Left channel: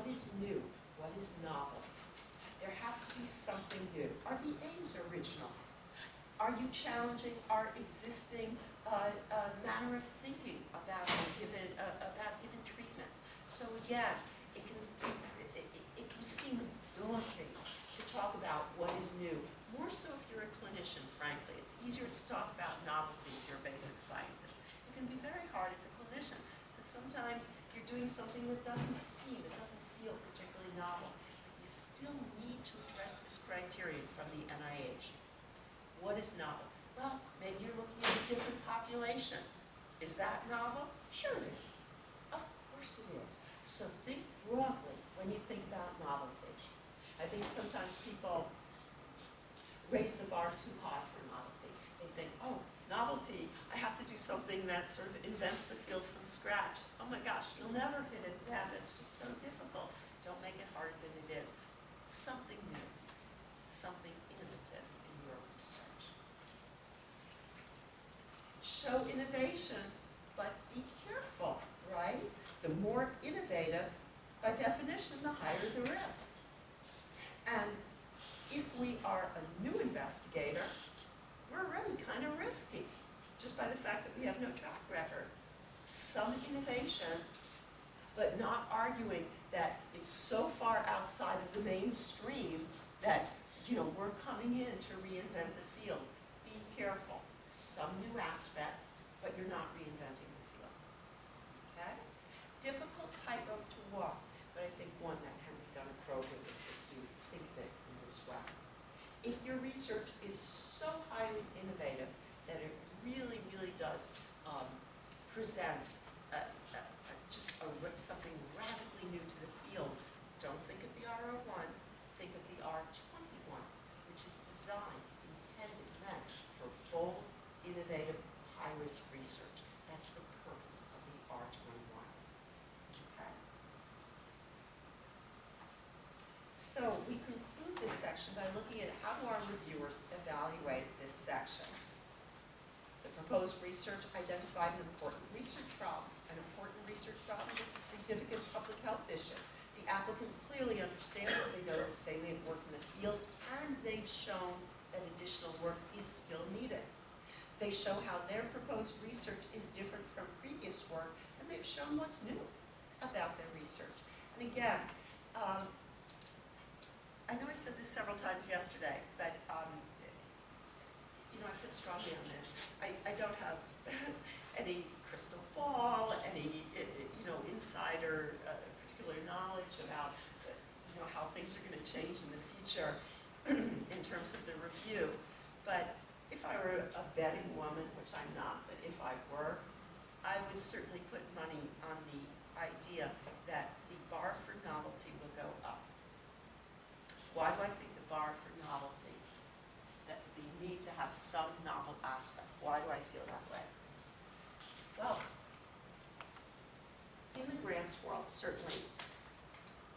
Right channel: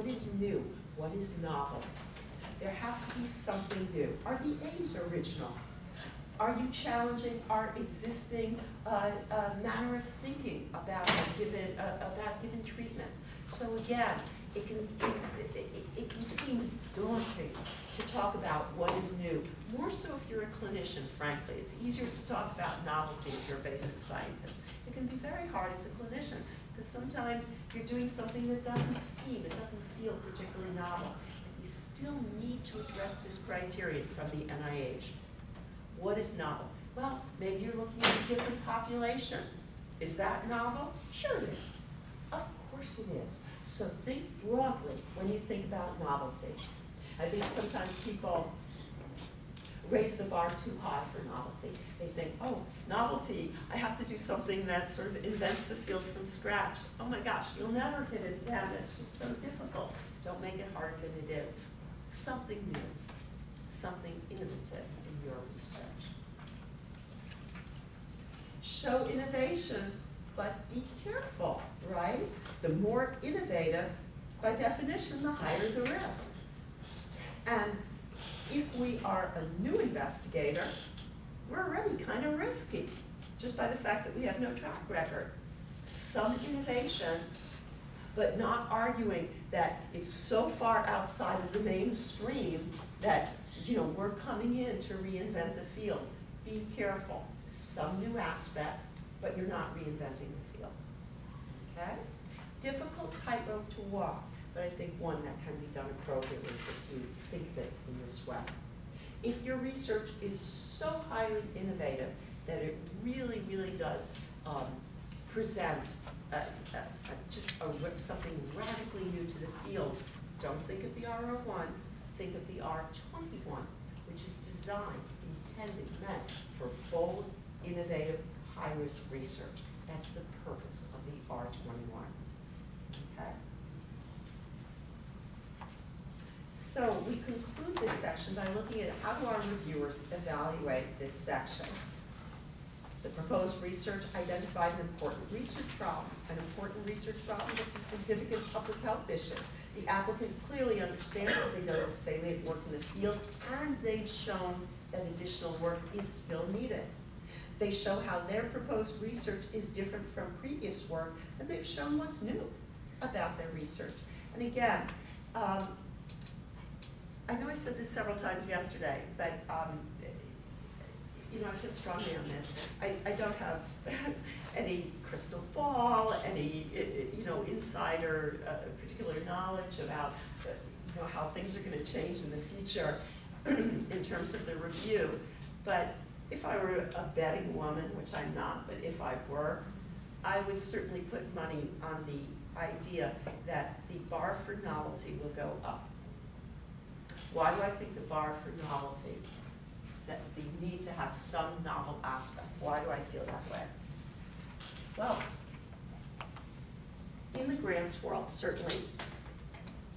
What is new? What is novel? There has to be something new. Are the aims original? Are you challenging our existing manner of thinking about given treatments? So again, it can seem daunting to talk about what is new. More so if you're a clinician, frankly. It's easier to talk about novelty if you're a basic scientist. It can be very hard as a clinician because sometimes you're doing something that doesn't feel particularly novel. But you still need to address this criterion from the NIH. What is novel? Well, maybe you're looking at a different population. Is that novel? Sure it is. Of course it is. So think broadly when you think about novelty. I think sometimes people raise the bar too high for novelty. They think, oh, novelty, I have to do something that sort of invents the field from scratch. Oh my gosh, you'll never hit it again. It's just so difficult. Don't make it harder than it is. Something new, something innovative in your research. Show innovation, but be careful, right? The more innovative, by definition, the higher the risk. And if we are a new investigator, we're already kind of risky, just by the fact that we have no track record. Some innovation, but not arguing that it's so far outside of the mainstream that we're coming in to reinvent the field. Be careful. Some new aspect, but you're not reinventing the field. Okay? Difficult tightrope to walk, but I think one that can be done appropriately if you think of it in this way. If your research is so highly innovative that it really, really does present something radically new to the field, don't think of the R01, think of the R21, which is designed, intended, meant for bold, innovative, high-risk research. That's the purpose of the R21. Okay? So we conclude this section by looking at how do our reviewers evaluate this section. The proposed research identified an important research problem that's a significant public health issue. The applicant clearly understands that they know the salient work in the field, and they've shown that additional work is still needed. They show how their proposed research is different from previous work, and they've shown what's new about their research. And again, I know I said this several times yesterday, but I feel strongly on this. I don't have any crystal ball, any insider particular knowledge about how things are going to change in the future in terms of the review. But if I were a betting woman, which I'm not, but if I were, I would certainly put money on the idea that the bar for novelty will go up. Why do I think the bar for novelty, that the need to have some novel aspect, why do I feel that way? Well, in the grants world, certainly,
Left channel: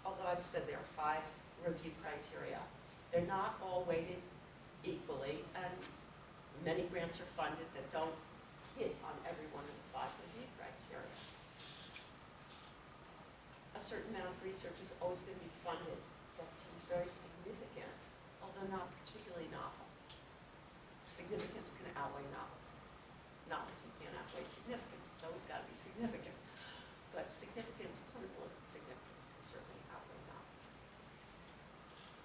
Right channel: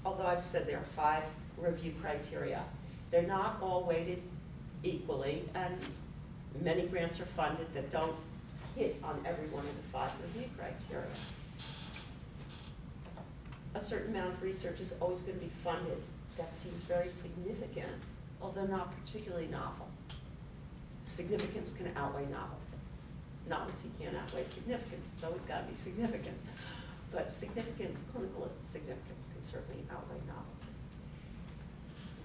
although I've said there are 5 review criteria, they're not all weighted equally, and many grants are funded that don't hit on every one of the 5 review criteria. A certain amount of research is always going to be funded. That seems very significant, although not particularly novel. Significance can outweigh novelty. Novelty can't outweigh significance. It's always got to be significant. But significance, clinical significance, can certainly outweigh novelty.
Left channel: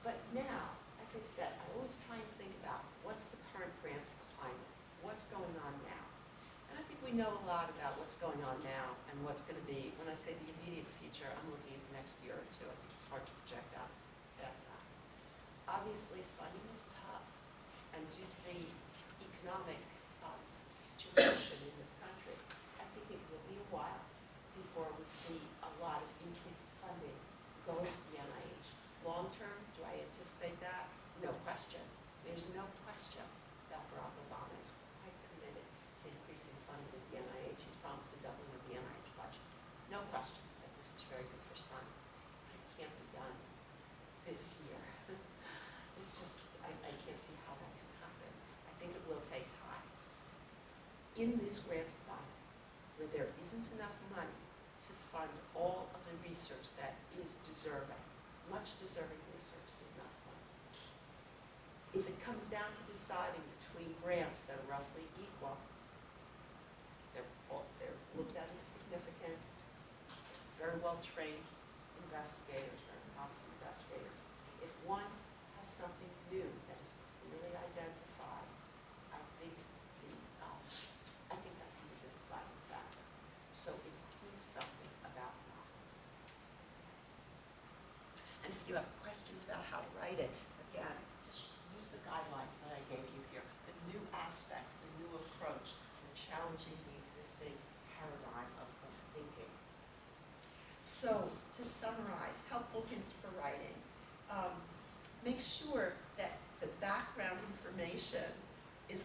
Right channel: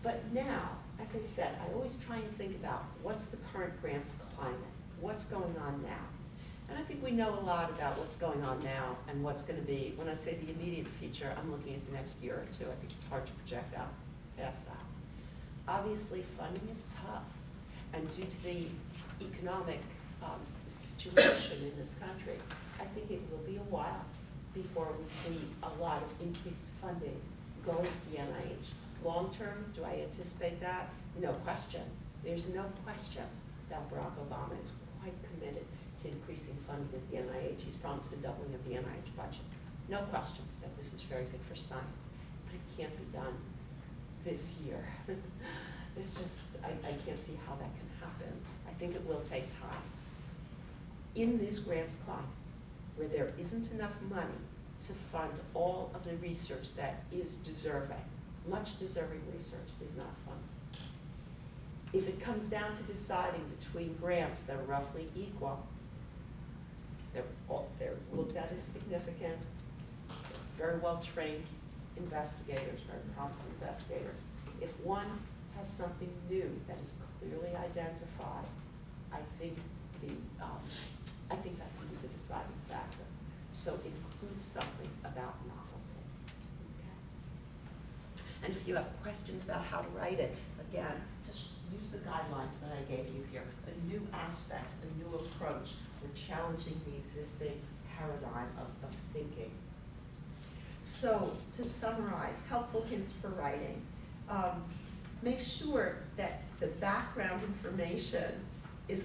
But now, as I said, I always try and think about what's the current grants climate? What's going on now? And I think we know a lot about what's going on now and what's going to be. When I say the immediate future, I'm looking at the next year or 2. I think it's hard to project out past that. Obviously, funding is tough. And due to the economic situation in this country, I think it will be a while before we see a lot of increased funding going to the NIH. Long term, do I anticipate that? No question. There's no question that Barack Obama is quite committed to increasing funding at the NIH. He's promised a doubling of the NIH budget. No question that this is very good for science, but it can't be done this year. It's just, I can't see how that can happen. I think it will take time. In this grants climate, where there isn't enough money to fund all of the research that is deserving. Much deserving research is not funded. If it comes down to deciding between grants that are roughly equal, they're looked at as significant, very well-trained investigators, very promising investigators. If one has something new that is clearly identified, I think that can be the deciding factor. So include something about novelty. Okay. And if you have questions about how to write it, again, just use the guidelines that I gave you here. A new aspect, a new approach. We're challenging the existing paradigm of thinking. So, to summarize, helpful hints for writing. Make sure that the background information is